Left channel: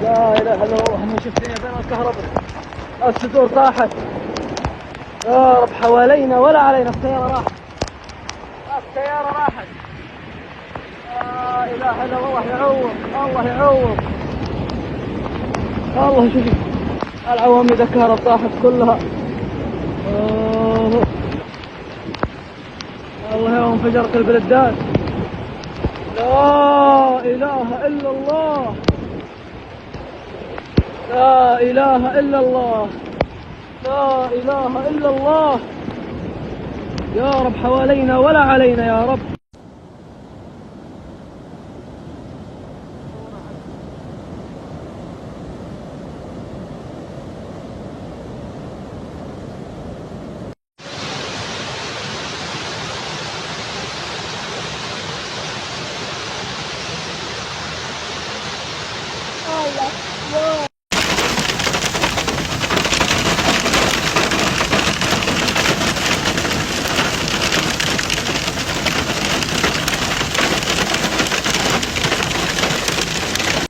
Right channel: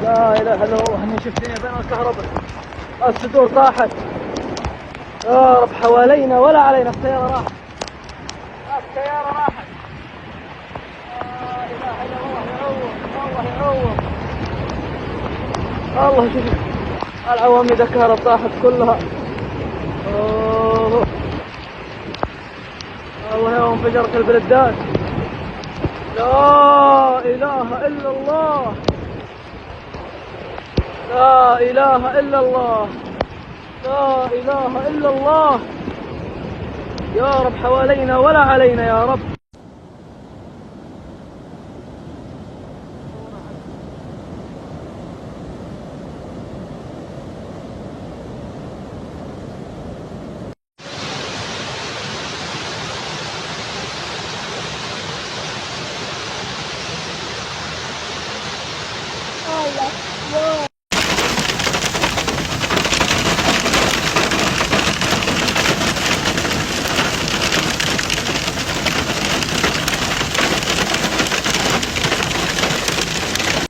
لا اله الا الله. من شفتني بقى الكهرباء، الصدور راحت. حوالينا ولا علينا السيارة. السيارة راحت. لا اله الا الله. يعوض الله يعوض. والله شوف العواميد الكهرباء طاحت كلها. والله انفجرت الجردات. لا اله الا الله. لا اله الا الله. لا اله الا الله. يا رب حوالينا ولا علينا يا رب.